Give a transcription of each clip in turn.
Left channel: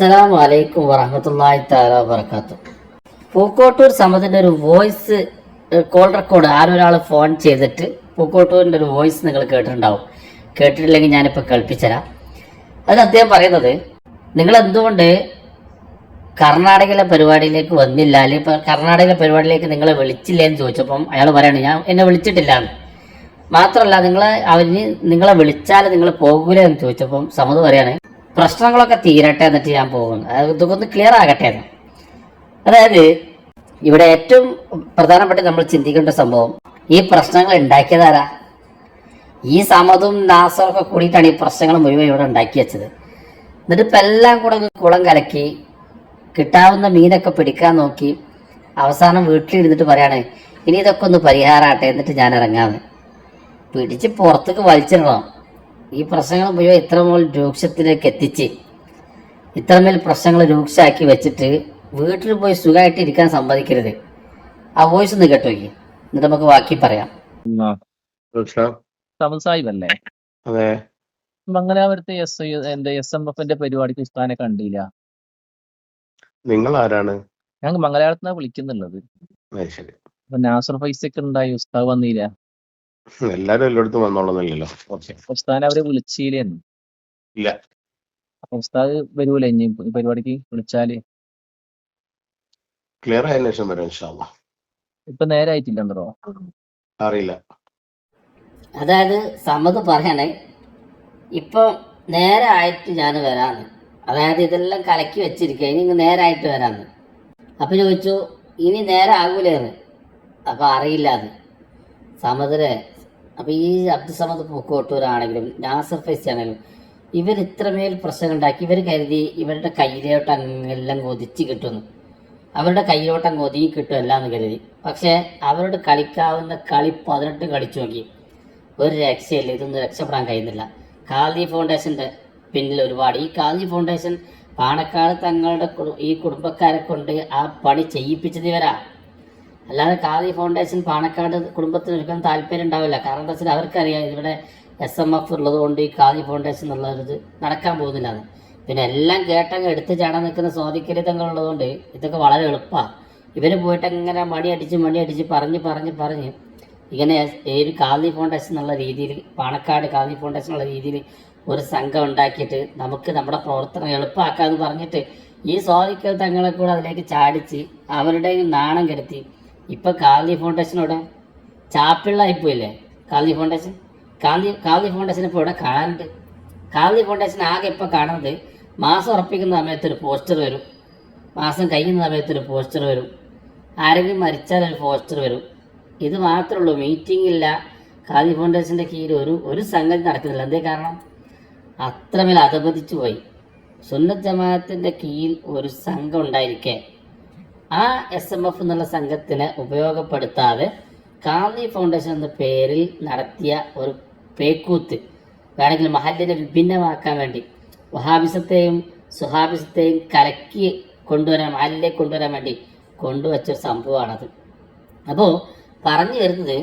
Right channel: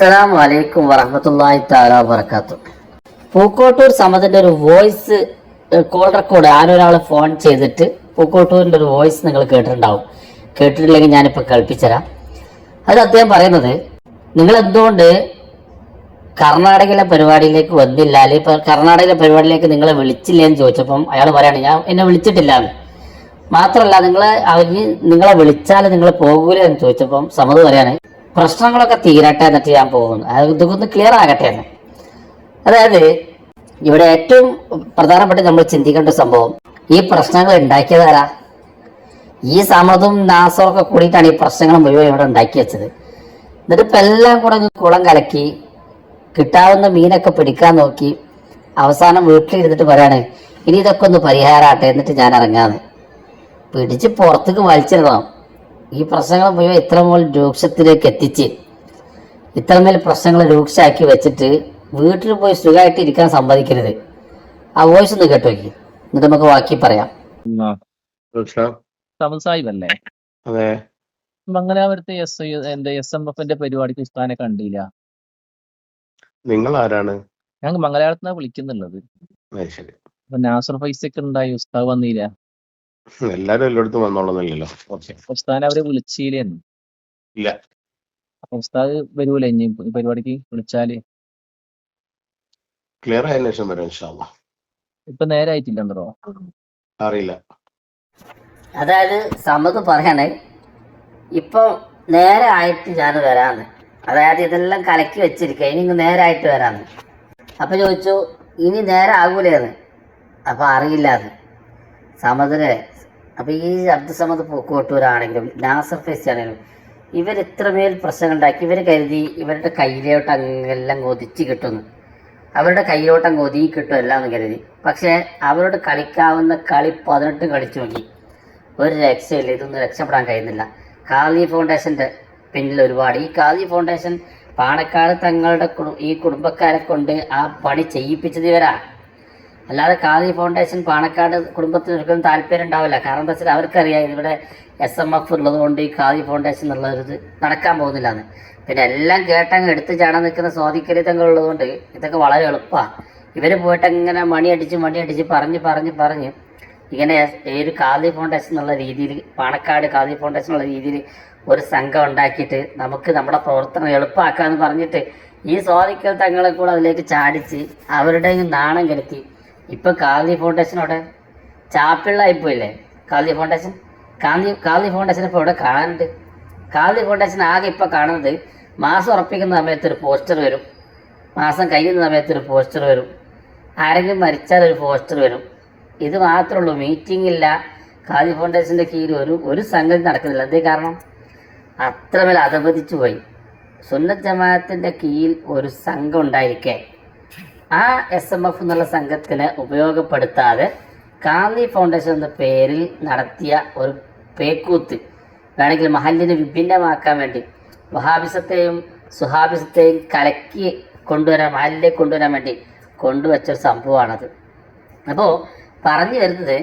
അസ്സലാമു വലൈക്കും വറഹമത്തല്ലാഹി താല വബർക്കാത്തു പൂക്കോട്ടൂർ സമത്തിന്റെ ഒരു വോയിസ് കോൾ റെക്കോർഡ് ആരൊരാൾ ഫോൺ ചെയ്തിട്ട് പൂക്കോട്ടൂരിന്റെ ഒരു വോയിസ് നിങ്ങൾ കേട്ടിട്ടുണ്ടാവും. കേട്ടിട്ടില്ലെങ്കിൽ ഞാനിപ്പോൾ കേൾപ്പിച്ചുതരാം അത് അദ്ദേഹം പറയുന്നത് നിങ്ങൾ എന്തുകൊണ്ട് കർണാടകയിലെ പരിപാടിയിലേക്ക് വന്നില്ല? അല്ലെങ്കിൽ ഇപ്പൊ കർണാടകയിലെ പരിപാടിയിലേക്ക് നിങ്ങളെ വിളിച്ചില്ലേ എന്ന് ചോദിച്ചപ്പം അയാൾ പറയാണ് ഞാൻ എന്നെ വിളിച്ചിട്ടില്ല എന്ന് മാത്രമല്ല നിങ്ങളെ അവരിന് നിങ്ങളെ വിളിച്ചാൽ നിങ്ങൾ പോകൂലേ എന്ന് ചോദിച്ചപ്പം സമത് പറയാണ് പ്രശ്നങ്ങളൊക്കെ തീരട്ടെ എന്നിട്ട് ഞാൻ പോകുന്നു. അതൊക്കെ ഒന്ന് ക്ലിയർ ആകട്ടെ എന്ന്. അതായത് ഇവിടെ ഏറ്റവും പ്രധാനപ്പെട്ട നമ്മൾ ചിന്തിക്കേണ്ട സംഭവം ഈ പ്രശ്നങ്ങൾ ഉണ്ടാക്കിയതാരാ ഈ സമതും നാസറും ഒക്കെ കൂടിയിട്ടാണ് ഈ പ്രശ്നങ്ങൾ മുഴുവൻ ഇവിടെ ഉണ്ടാക്കി വെച്ചത്. എന്നിട്ട് ഇപ്പം എല്ലാം കൂടെ കുളം കലക്കി കിട്ടാവുന്ന മീനൊക്കെ പിടിക്കാൻ നോക്കി അവസാനം വീട്ടിലിരുന്നിട്ട് പറയാണ് ഇനി ഇതൊക്കെ ഒന്ന് പരിഹാരമാട്ടെ എന്നിട്ട് ഞാൻ ഇറങ്ങാന്ന്. പിടിച്ച് പുറത്തേക്ക് വലിച്ചിടണം. ഈ പ്രശ്നങ്ങൾ മുഴുവൻ ഇത്രമേൽ രൂക്ഷത്തിലേക്ക് എത്തിച്ച് ഇത്രമേൽ പ്രശ്നങ്ങൾ രൂക്ഷമാക്കി വെച്ചിട്ട് വീട്ടിൽ പോയി സുഖമായിട്ട് ഇരിക്കാൻ സമ്മതിക്കരുത്. ആ വോയിസ് ഒന്ന് കേട്ടോ എന്നിട്ട് നമുക്ക് ബാക്കി പറയാം. അല്ലേ അതെ. മംഗലാപുരത്തെ എസ് എന്റെ എസ് എം എഫിന്റെ പരിപാടിക്ക് ഉസ്താനെ കണ്ടില്ല. നിങ്ങൾ ആരാണ് ഞങ്ങൾ മംഗലാപുരത്തുനിന്നാണ് വിളിക്കുന്നുള്ളത്. അത് അപ്പൊ നാസർ ഫൈസൊക്കെ ഉണ്ടായി ഉസ്താവ് വന്നില്ല? എല്ലാരും എല്ലായിടത്തും വന്നോളന്നില്ലല്ലോ. ഓക്കെ ഉസ്താനെ അവരെ വിളിച്ചില്ലേന്ന് ഇല്ല. അപ്പൊ ഉസ്താദ് വരൂലേ ഇനി ഈ പരിപാടിക്ക് വിളിച്ചാൽ? ക്ലിയർ ആയതിനു ശേഷം വരാം ഇൻഷാല്ല ഇപ്പൊ നേരെ ആയിട്ടില്ലെന്നോ അറിയില്ല. അതായത് സമത് പറയണേ ഇപ്പൊ നേരെ ആയിട്ട് ഞാൻ വരാന്ന്. അതായത് ഇതെല്ലാം കലക്കി വെച്ചിരിക്കുക ഇനി ഇങ്ങ് നേരെ ആയിട്ട് വരാന്ന്. അപ്പൊ ചോദിച്ചു ഇനി നേരെ ആകൂലേന്ന് അപ്പൊ അറിയില്ല സമതിലെ അപ്പൊ ഈ അബ്ദുസമദ് പൂക്കോട്ടൂരാണെങ്കിലും നാസർ ഫൈസി ആണെങ്കിലും ഇവർ ഇത്രമേൽ പ്രശ്നം ഉണ്ടാക്കി ഇവർ കരുതി ഇവരുടെ കയ്യിലോട്ട് അങ്ങെല്ലാം കൊതിച്ച് കിട്ടുന്നു. അവരുടെ കയ്യിലോട്ടം കൊതി കിട്ടും എല്ലാം എന്ന് കരുതി. പക്ഷെ അവരോട് കളിക്കാവുന്ന കളി പതിനെട്ട് കളിച്ചു നോക്കി. ഒരു രക്ഷയില്ല ഇതൊന്നും രക്ഷപ്പെടാൻ കഴിയുന്നില്ല. കാലി ഫൗണ്ടേഷന്റെ പിന്നിൽ ഒരുപാട്. ഈ കാലി ഫൗണ്ടേഷൻ പാണക്കാട് തങ്ങളുടെ ഈ കുടുംബക്കാരെ കൊണ്ട് ആ പണി ചെയ്യിപ്പിച്ചത് ഇവരാണ്. അല്ലാതെ ഖാദി ഫൗണ്ടേഷൻ പാണക്കാട് കുടുംബത്തിന് ഒരിക്കലും താല്പര്യം ഉണ്ടാവില്ല. കാരണം എന്താ വെച്ചാൽ അവർക്കറിയാം ഇവിടെ എസ് എം എഫ് ഉള്ളതുകൊണ്ട് ഈ ഖാദി ഫൗണ്ടേഷൻ എന്നുള്ള ഒരു നടക്കാൻ പോകുന്നില്ല എന്ന് പിന്നെ എല്ലാം കേട്ടങ്ങ് എടുത്ത് ചാടാൻ നിൽക്കുന്ന സ്വാധീകരിതങ്ങൾ ഉള്ളതുകൊണ്ട് കൊണ്ട് ഇതൊക്കെ വളരെ എളുപ്പമാണ് ഇവർ പോയിട്ട് അങ്ങനെ മണിയടിച്ച് മണിയടിച്ച് പറഞ്ഞ് പറഞ്ഞ് പറഞ്ഞ് ഇങ്ങനെ ഈ കാലി ഫൗണ്ടേഷൻ എന്നുള്ള രീതിയിൽ പാണക്കാട് ഖാദി ഫൗണ്ടേഷൻ എന്നുള്ള രീതിയിൽ ഒരു സംഘം ഉണ്ടാക്കിയിട്ട് നമുക്ക് നമ്മുടെ പ്രവർത്തനം എളുപ്പമാക്കാന്ന് പറഞ്ഞിട്ട് ഈ സ്വാധിക്കൽ തങ്ങളെ കൂടെ അതിലേക്ക് ചാടിച്ച് അവരുടെ നാണം കെടുത്തി ഇപ്പൊ കാലി ഫൗണ്ടേഷനോടെ ചാപ്പിള്ളായിപ്പോയില്ലേ കാലി ഫൗണ്ടേഷൻ കാലി കാലി ഫൗണ്ടേഷൻ ഇപ്പോൾ ഇവിടെ കാണാനുണ്ട്. കാലി ഫൗണ്ടേഷൻ ആകെ ഇപ്പൊ കാണുന്നത് മാസം ഉറപ്പിക്കുന്ന സമയത്ത് ഒരു പോസ്റ്റർ വരും. മാസം കഴിയുന്ന സമയത്ത് ഒരു പോസ്റ്റർ വരും. ആരെങ്കിലും മരിച്ചാൽ ഒരു പോസ്റ്റർ വരും. ഇത് മാത്രമേ ഉള്ളൂ. മീറ്റിംഗ് ഇല്ല. കാളി ഫൗണ്ടേഷന്റെ കീഴിൽ ഒരു ഒരു സംഗതി നടക്കുന്നില്ല. എന്തേ കാരണം? അത്രമേൽ അധപതിച്ചു പോയി. സുന്നത്ത് ജമാഅത്തിന്റെ കീഴിൽ ഒരു സംഘം ഉണ്ടായിരിക്കെ ആ എസ് എം എഫ് എന്നുള്ള സംഘത്തിനെ ഉപയോഗപ്പെടുത്താതെ ഗാന്ധി ഫൗണ്ടേഷൻ എന്ന പേരിൽ നടത്തിയ ഒരു പേക്കൂത്ത് വേണമെങ്കിൽ മഹലിനെ വിഭിന്നമാക്കാൻ വേണ്ടി വഹാബിസത്തെയും സുഹാബിസത്തെയും കലക്കി കൊണ്ടുവരാൻ മഹലിലേക്ക് കൊണ്ടുവരാൻ വേണ്ടി കൊണ്ടുവച്ച ഒരു സംഭവമാണത്. അപ്പോൾ പറഞ്ഞു വരുന്നത്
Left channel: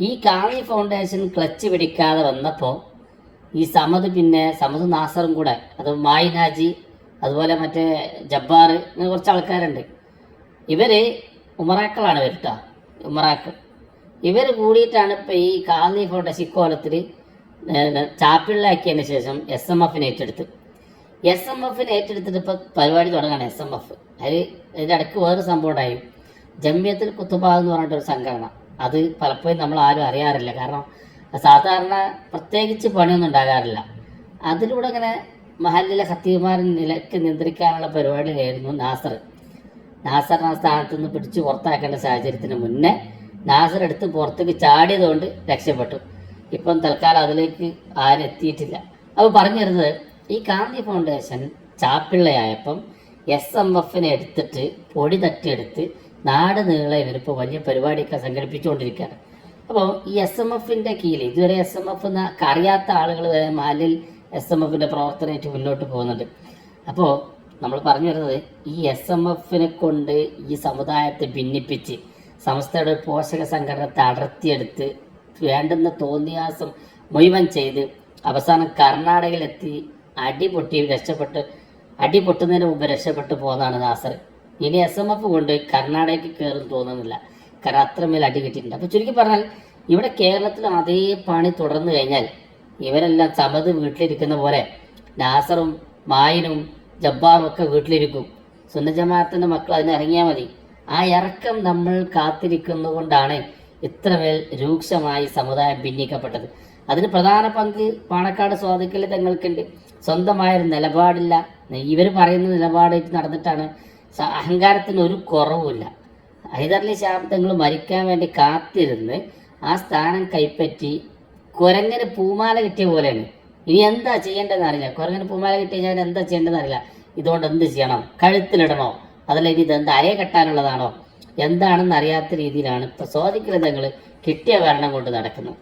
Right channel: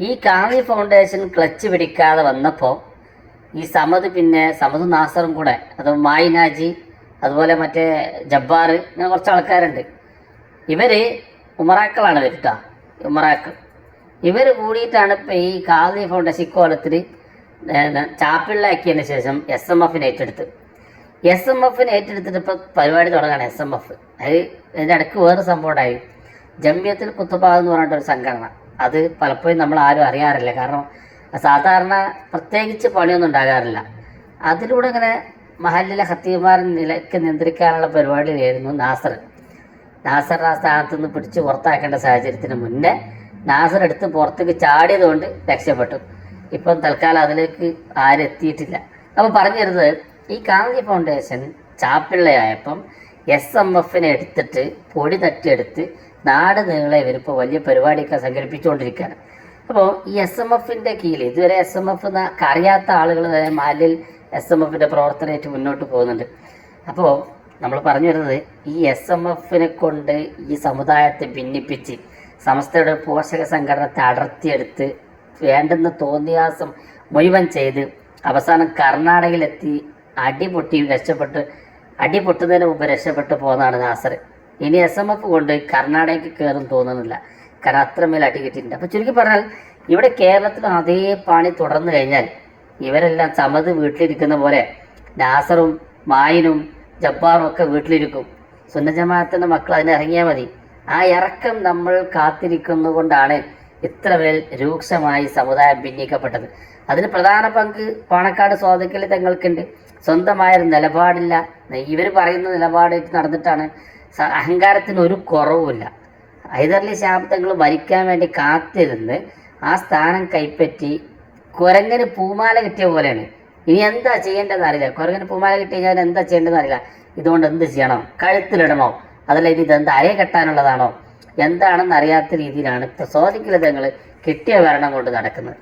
ഈ കാളി ഫൗണ്ടേഷൻ ക്ലച്ച് പിടിക്കാതെ വന്നപ്പോൾ ഈ സമത് പിന്നെ സമത് നാസറും കൂടെ അത് മായിനാജി അതുപോലെ മറ്റേ ജബ്ബാർ ഇങ്ങനെ കുറച്ച് ആൾക്കാരുണ്ട്. ഇവർ ഉമറാക്കളാണ് വരുത്ത ഉമറാക്കൾ. ഇവർ കൂടിയിട്ടാണ് ഇപ്പൊ ഈ കാലി ഫൗണ്ടേഷൻ ഇക്കോലത്തിൽ ചാപ്പിള്ളാക്കിയതിന് ശേഷം എസ് എം എഫിനെ ഏറ്റെടുത്ത്. എസ് എം എഫിന് ഏറ്റെടുത്തിട്ട് ഇപ്പം പരിപാടി തുടങ്ങാണ് എസ് എം എഫ് അത് വേറെ സംഭവം ഉണ്ടായി. ജമ്യത്തിൽ കുത്തുബ എന്ന് പറഞ്ഞിട്ടൊരു സംഘടന. അത് പലപ്പോഴും നമ്മൾ ആരും അറിയാറില്ല. കാരണം സാധാരണ പ്രത്യേകിച്ച് പണിയൊന്നും ഉണ്ടാകാറില്ല. അതിലൂടെ ഇങ്ങനെ മഹലിലെ ഹത്തീമാരെ നിലയ്ക്ക് നിയന്ത്രിക്കാനുള്ള പരിപാടിയായിരുന്നു നാസർ. നാസറിനെ സ്ഥാനത്ത് നിന്ന് പിടിച്ച് പുറത്താക്കേണ്ട സാഹചര്യത്തിന് മുന്നേ നാസർ എടുത്ത് പുറത്തേക്ക് ചാടിയതുകൊണ്ട് രക്ഷപ്പെട്ടു. ഇപ്പം തൽക്കാലം അതിലേക്ക് ആരും എത്തിയിട്ടില്ല. അപ്പോൾ പറഞ്ഞു വരുന്നത് ഈ ഗാന്ധി ഫൗണ്ടേഷൻ ചാപ്പിള്ളയായപ്പം എസ് എം എഫിനെ എടുത്തിട്ട് പൊടി തട്ടിയെടുത്ത് നാട് നീളെ ഇവരിപ്പോൾ വലിയ പരിപാടിയൊക്കെ സംഘടിപ്പിച്ചുകൊണ്ടിരിക്കുകയാണ്. അപ്പോൾ ഈ എസ് എം എഫിന്റെ കീഴിൽ ഇതുവരെ എസ് എം എഫ് അറിയാത്ത ആളുകൾ മാലിൽ എസ് എം എഫിന്റെ പ്രവർത്തനമായിട്ട് മുന്നോട്ട് പോകുന്നുണ്ട്. അപ്പോൾ നമ്മൾ പറഞ്ഞു വരുന്നത് ഈ എസ് എം എഫിനെ കൊണ്ട് ഈ സമുദായത്തെ ഭിന്നിപ്പിച്ച് സമസ്തയുടെ പോഷക സംഘടനത്തെ അടർത്തിയെടുത്ത് വേണ്ടെന്ന് തോന്നിയാസം മുഴുവൻ ചെയ്ത് അവസാനം കർണാടകയിലെത്തി അടിപൊട്ടി രക്ഷപ്പെട്ട് അടി പൊട്ടുന്നതിന് മുമ്പ് രക്ഷപ്പെട്ടു പോകുന്നതാണ് നാസർ. ഇനി എസ് എം എഫ് കൊണ്ട് കർണാടകയ്ക്ക് കയറും തോന്നുന്നില്ല. കാരണം അത്രമേൽ അടി കിട്ടിയിട്ടുണ്ട്. അപ്പോൾ ചുരുക്കി പറഞ്ഞാൽ ഇവിടെ കേരളത്തിൽ അതേ പണി തുടർന്നു കഴിഞ്ഞാൽ ഇവരെല്ലാം സമത് വീട്ടിലിരിക്കുന്ന പോലെ നാസറും മായിനും ജബ്ബാറും ഒക്കെ വീട്ടിലിരിക്കും സുന്നജമാഅത്തിന്റെ മക്കൾ അതിന് ഇറങ്ങിയാൽ മതി. ആ ഇറക്കം നമ്മൾ കാത്തിരിക്കുന്നതുകൊണ്ടാണ് പേർ രൂക്ഷമായി സമുദായം ഭിന്നിക്കപ്പെട്ടത്. അതിന് പ്രധാന പങ്ക് പാണക്കാട് സ്വാതക്കൽ തങ്ങൾക്കുണ്ട്. സ്വന്തമായൊരു നിലപാടില്ല. ഇവർ പറയുന്ന നിലപാടായിട്ട് നടന്നിട്ടാണ് അഹങ്കാരത്തിന് ഒരു കുറവുമില്ല. ഹൈദർലി ശാബ്ദങ്ങൾ മരിക്കാൻ വേണ്ടി കാത്തിരുന്ന് ആ സ്ഥാനം കൈപ്പറ്റി കുരങ്ങന് പൂമാല കിട്ടിയ പോലെയാണ്. ഇനി എന്താ ചെയ്യേണ്ടതെന്ന് അറിയില്ല. കുരങ്ങന് പൂമാല കിട്ടി കഴിഞ്ഞാൽ എന്താ ചെയ്യേണ്ടതെന്ന് അറിയില്ല. ഇതുകൊണ്ട് എന്ത് ചെയ്യണം? കഴുത്തിലിടണോ? അതല്ല ഇനി ഇതെന്താ അരയെ കെട്ടാനുള്ളതാണോ? എന്താണെന്ന് അറിയാത്ത രീതിയിലാണ് ഇപ്പൊ സ്വാധികൃതങ്ങൾ കിട്ടിയ ഭരണം കൊണ്ട് നടക്കുന്നത്.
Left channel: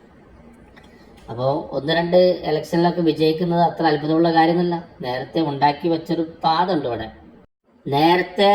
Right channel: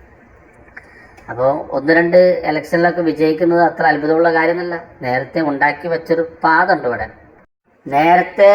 അപ്പോൾ ഒന്ന് രണ്ട് ഇലക്ഷനിലൊക്കെ വിജയിക്കുന്നത് അത്ര അത്ഭുതമുള്ള കാര്യമൊന്നുമല്ല നേരത്തെ ഉണ്ടാക്കി വെച്ചൊരു പാതുണ്ട് ഇവിടെ. നേരത്തെ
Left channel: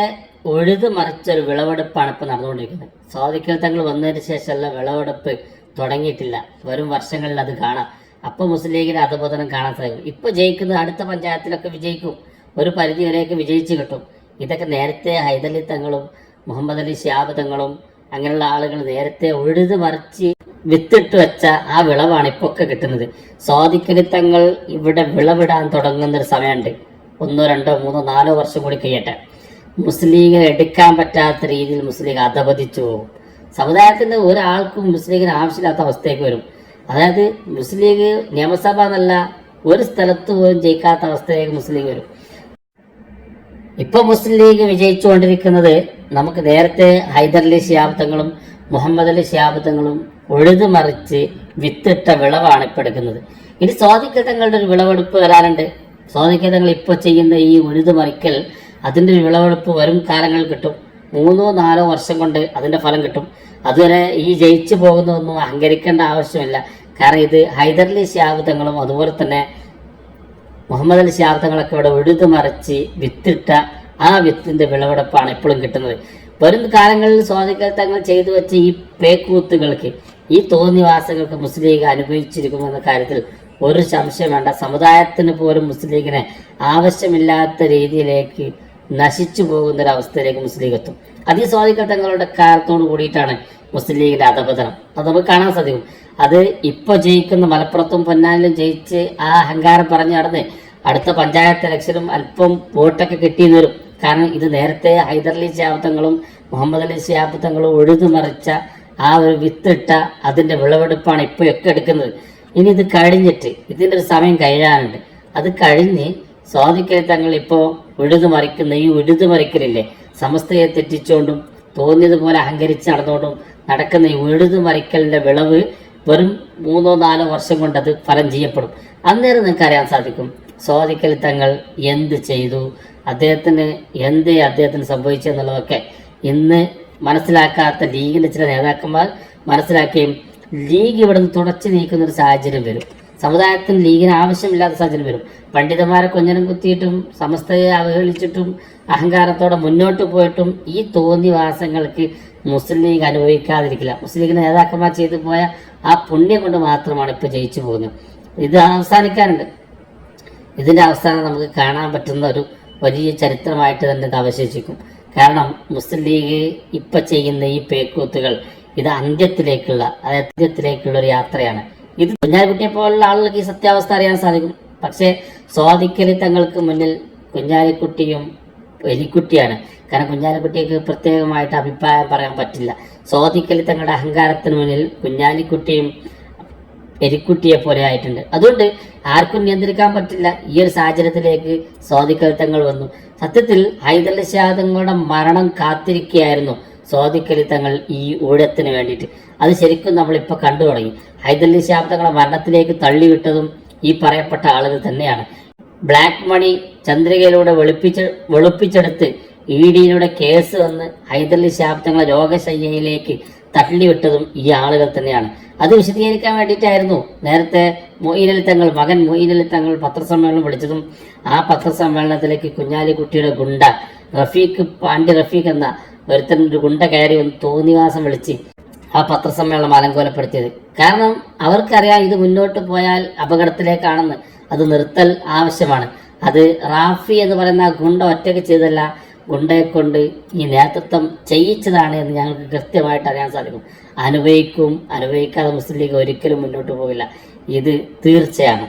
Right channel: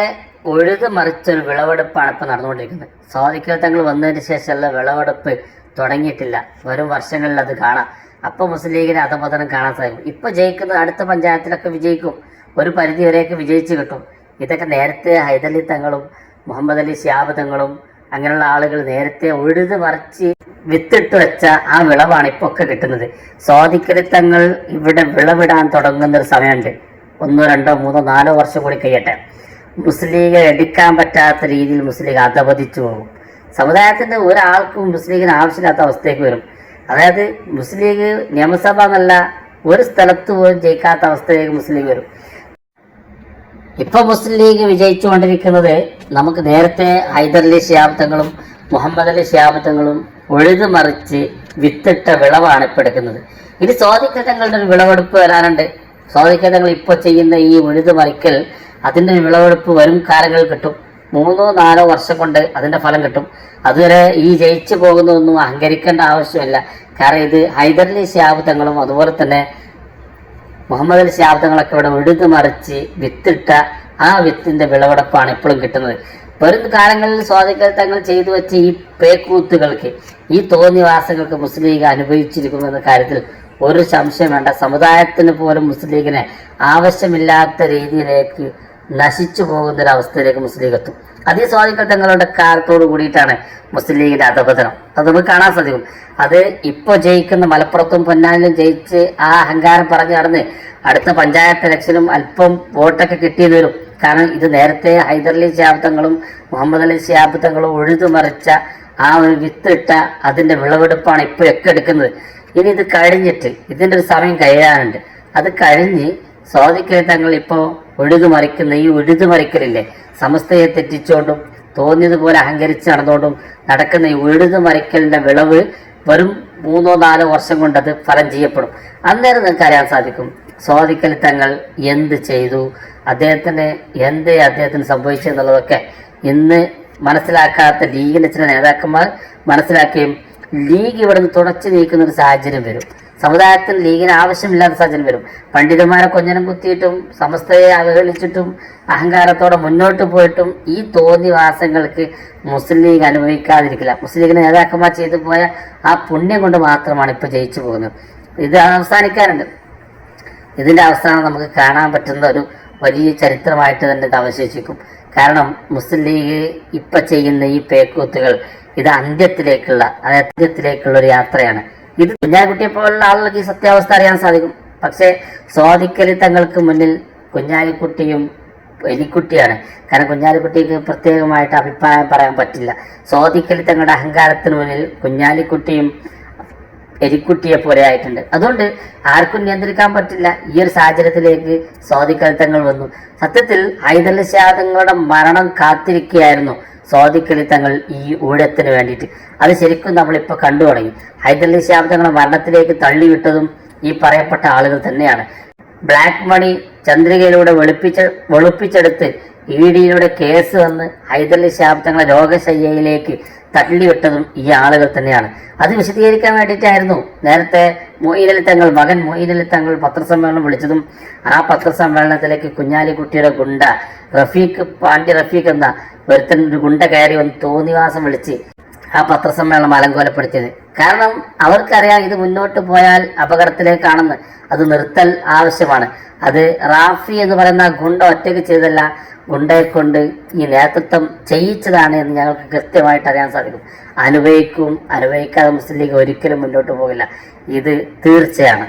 ഒഴുത് മറിച്ചൊരു വിളവെടുപ്പാണ് ഇപ്പം നടന്നുകൊണ്ടിരിക്കുന്നത്. സ്വാധിക്കൽ തങ്ങൾ വന്നതിന് ശേഷമുള്ള വിളവെടുപ്പ് തുടങ്ങിയിട്ടില്ല. വരും വർഷങ്ങളിൽ അത് കാണാം. അപ്പോൾ മുസ്ലിം ലീഗിന് അധപതനം കാണാൻ സാധിക്കും. ഇപ്പോൾ ജയിക്കുന്ന അടുത്ത പഞ്ചായത്തിലൊക്കെ വിജയിക്കും. ഒരു പരിധി വരെയൊക്കെ വിജയിച്ച് കിട്ടും. ഇതൊക്കെ നേരത്തെ ഹൈദലി തങ്ങളും മുഹമ്മദ് അലി ഷിയാബ് തങ്ങളും അങ്ങനെയുള്ള ആളുകൾ നേരത്തെ ഉഴുത് മറിച്ച് വിത്തിട്ട് വെച്ച ആ വിളവാണ് ഇപ്പോൾ ഒക്കെ കിട്ടുന്നത് സ്വാധിക്കരിത്തങ്ങൾ ഇവിടെ വിളവിടാൻ തുടങ്ങുന്ന ഒരു സമയമുണ്ട്. ഒന്നോ രണ്ടോ മൂന്നോ നാലോ വർഷം കൂടി കഴിയട്ടെ. മുസ്ലിം ലീഗ് എടുക്കാൻ പറ്റാത്ത രീതിയിൽ മുസ്ലിം ലീഗ് അധപതിച്ചു പോകും. സമുദായത്തിന്റെ ഒരാൾക്കും മുസ്ലിം ലീഗിന് ആവശ്യമില്ലാത്ത അവസ്ഥയ്ക്ക് വരും. അതായത് മുസ്ലിം ലീഗ് നിയമസഭ എന്നല്ല ഒരു സ്ഥലത്ത് പോലും ജയിക്കാത്ത അവസ്ഥയിലേക്ക് മുസ്ലിം ലീഗ് വരും. ഇപ്പൊ മുസ്ലിം ലീഗ് വിജയിച്ചുകൊണ്ടിരിക്കുന്നത് നമുക്ക് നേരത്തെ ഹൈദരലി ശിയാബ്ദങ്ങളും മുഹമ്മദ് അലി ശിയാബ്ദങ്ങളും ഉഴുതു മറിച്ച് വിത്തിട്ട വിളവാണ് ഇപ്പൊ എടുക്കുന്നത്. ഇനി സ്വാതികൃതങ്ങളുടെ ഒരു വിളവെടുപ്പ് വരാറുണ്ട്. സ്വാതികൃതങ്ങൾ ഇപ്പൊ ചെയ്യുന്ന ഈ ഉഴുതു മറിക്കൽ അതിന്റെ ഒരു വിളവെടുപ്പ് വരും കാലങ്ങളിൽ കിട്ടും. മൂന്നോ നാലോ വർഷം കൊണ്ട് അതിന്റെ ഫലം കിട്ടും. അതുവരെ ഈ ജയിച്ചു പോകുന്നതൊന്നും അഹങ്കരിക്കേണ്ട ആവശ്യമില്ല. കാരണം ഇത് ഹൈദർലി ശാബ്ദങ്ങളും അതുപോലെ തന്നെ മുഹമ്മദ് അലി ശാബ്ദങ്ങളൊക്കെ ഇവിടെ ഉഴുതു മറിച്ച് വിത്തിട്ട ആ വിത്തിന്റെ വിളവെടുപ്പാണ് ഇപ്പോഴും കിട്ടുന്നത്. വരും കാലങ്ങളിൽ സ്വാധികൾ തങ്ങൾ ചെയ്തു വെച്ച ഈ പേക്കൂത്തുകൾക്ക് ഈ തോന്നിവാസങ്ങൾക്ക് മുസ്ലിം ലീഗ് എന്ന കാര്യത്തിൽ ഒരു സംശയം വേണ്ട. സമുദായത്തിന് പോലും മുസ്ലിം ലീഗിനെ ആവശ്യമില്ലാത്ത രീതിയിലേക്ക് നശിച്ചു പോകുന്ന ഒരു അവസ്ഥയിലേക്ക് മുസ്ലിം ലീഗ് എത്തും. അതിസ്വാദികൾ തങ്ങളുടെ കാലത്തോട് കൂടിയിട്ടാണ് മുസ്ലിം ലീഗിന്റെ അധപതനം. അത് നമുക്ക് കാണാൻ സാധിക്കും. അത് ഇപ്പോൾ ജയിക്കുന്ന മലപ്പുറത്തും പൊന്നാനിലും ജയിച്ച് ആ അഹങ്കാരം പറഞ്ഞു നടന്ന് അടുത്ത പഞ്ചായത്ത് ഇലക്ഷനും അല്പം വോട്ടൊക്കെ കിട്ടി വരും. കാരണം ഇത് നേരത്തെ ഹൈദർലി ശാബ്ദങ്ങളും മുഹമ്മദ് അലി ശാബ്ദങ്ങളും ഉഴുതു മറിച്ച ആ ഒരു വിത്തിട്ട അതിന്റെ വിളവെടുപ്പാണ് ഇപ്പോൾ ഒക്കെ എടുക്കുന്നത്. ഇനി ഇത് കഴിഞ്ഞിട്ട് ഇതിന്റെ ഒരു സമയം കഴിയാനുണ്ട്. അത് കഴിഞ്ഞ് സ്വാധികേതങ്ങൾ ഇപ്പോൾ ഉഴുതു മറിക്കുന്ന ഈ ഉഴുതു മറിക്കലില്ലേ? സമസ്തയെ തെറ്റിച്ചുകൊണ്ടും തോന്നിയതുപോലെ അഹങ്കരിച്ച് നടന്നുകൊണ്ടും നടക്കുന്ന ഈ ഉഴുതു മറിക്കലിന്റെ വിളവ് വെറും മൂന്നോ നാലോ വർഷം കൊണ്ട് അത് ഫലം ചെയ്യപ്പെടും. അന്നേരം നിങ്ങൾക്ക് അറിയാൻ സാധിക്കും സ്വാധിക്കൽ തങ്ങൾ എന്ത് ചെയ്തു? അദ്ദേഹത്തിന് എന്ത് അദ്ദേഹത്തിന് സംഭവിച്ചു എന്നുള്ളതൊക്കെ ഇന്ന് മനസ്സിലാക്കാത്ത ലീഗിലെ ചില നേതാക്കന്മാർ മനസ്സിലാക്കുകയും ലീഗ് ഇവിടുന്ന് തുടച്ചു നീക്കുന്ന ഒരു സാഹചര്യം വരും. സമുദായത്തിന് ലീഗിന് ആവശ്യമില്ലാത്ത സാഹചര്യം വരും. പണ്ഡിതന്മാരെ കൊഞ്ഞനം കുത്തിയിട്ടും സമസ്തയെ അവഹേളിച്ചിട്ടും അഹങ്കാരത്തോടെ മുന്നോട്ട് പോയിട്ടും ഈ തോന്നിവാസങ്ങൾക്ക് മുസ്ലിം ലീഗ് അനുഭവിക്കാതിരിക്കില്ല. മുസ്ലിം ലീഗിന് നേതാക്കന്മാർ ചെയ്തു പോയ ആ പുണ്യം കൊണ്ട് മാത്രമാണ് ഇപ്പോൾ ജയിച്ചു പോകുന്നത്. ഇത് അവസാനിക്കാനുണ്ട്. ഇതിന്റെ അവസാനം നമുക്ക് കാണാൻ പറ്റുന്ന ഒരു വലിയ ചരിത്രമായിട്ട് തന്നെ ഇത് അവശേഷിക്കും. കാരണം മുസ്ലിം ലീഗ് ഇപ്പൊ ചെയ്യുന്ന ഈ പേക്കൂത്തുകൾ ഇത് അന്ത്യത്തിലേക്കുള്ള അതായത് അന്ത്യത്തിലേക്കുള്ള ഒരു യാത്രയാണ്. ഇത് കുഞ്ഞാലിക്കുട്ടിയെ പോലുള്ള ആളുകൾക്ക് ഈ സത്യാവസ്ഥ അറിയാൻ സാധിക്കും. പക്ഷേ സ്വാധിക്കലി തങ്ങൾക്ക് മുന്നിൽ കുഞ്ഞാലിക്കുട്ടിയും എലിക്കുട്ടിയാണ്. കാരണം കുഞ്ഞാലിക്കുട്ടിക്ക് പ്രത്യേകമായിട്ട് അഭിപ്രായം പറയാൻ പറ്റില്ല. സ്വാധിക്കലി തങ്ങളുടെ അഹങ്കാരത്തിന് മുന്നിൽ കുഞ്ഞാലിക്കുട്ടിയും എലിക്കുട്ടിയെ പോലെ ആയിട്ടുണ്ട്. അതുകൊണ്ട് ആർക്കും നിയന്ത്രിക്കാൻ പറ്റില്ല. ഈ ഒരു സാഹചര്യത്തിലേക്ക് സ്വാധിക്കലിത്തങ്ങൾ വന്നു. സത്യത്തിൽ ഹൈദൽ തങ്ങളുടെ മരണം കാത്തിരിക്കുകയായിരുന്നു. സ്വാധിക്കലിത്തങ്ങൾ ഈ ഊഴത്തിന് വേണ്ടിയിട്ട്. അത് ശരിക്കും നമ്മളിപ്പോൾ കണ്ടു തുടങ്ങി. ഹൈദരലി തങ്ങളെ മരണത്തിലേക്ക് തള്ളിവിട്ടതും ഈ പറയപ്പെട്ട ആളുകൾ തന്നെയാണ്. ബ്ലാക്ക് മണി ചന്ദ്രികയിലൂടെ വെളുപ്പിച്ച വെളുപ്പിച്ചെടുത്ത് ഇ ഡിയിലൂടെ കേസ് വന്ന് ഹൈദരലി തങ്ങളെ രോഗശയ്യയിലേക്ക് തള്ളിവിട്ടതും ഈ ആളുകൾ തന്നെയാണ്. അത് വിശദീകരിക്കാൻ വേണ്ടിയിട്ടായിരുന്നു. നേരത്തെ മൊയ്നലി തങ്ങൾ മകൻ മൊയ്നലി തങ്ങൾ പത്രസമ്മേളനം വിളിച്ചതും ആ പത്രസമ്മേളനത്തിലേക്ക് കുഞ്ഞാലിക്കുട്ടിയുടെ ഗുണ്ട റഫീഖ് പാണ്ഡ്യ റഫീഖ് എന്ന ഒരുത്തൻ ഒരു ഗുണ്ട കയറി വന്ന് തോന്നിവാസം വിളിച്ച് ആ പത്രസമ്മേളനം അലങ്കോലപ്പെടുത്തിയത്. കാരണം അവർക്കറിയാം ഇത് മുന്നോട്ട് പോയാൽ അപകടത്തിലേക്കാണെന്ന്. അത് നിർത്തൽ ആവശ്യമാണ്. അത് റാഫി എന്ന് പറയുന്ന ഗുണ്ട ഒറ്റയ്ക്ക് ചെയ്തല്ല ഗുണ്ടയെ കൊണ്ട് ഈ നേതൃത്വം ചെയ്യിച്ചതാണ് എന്ന് ഞങ്ങൾക്ക് കൃത്യമായിട്ട് അറിയാൻ സാധിക്കും. അനുഭവിക്കും അനുഭവിക്കാതെ മുസ്ലിം ലീഗ് ഒരിക്കലും മുന്നോട്ട് പോകില്ല. ഇത് തീർച്ചയാണ്.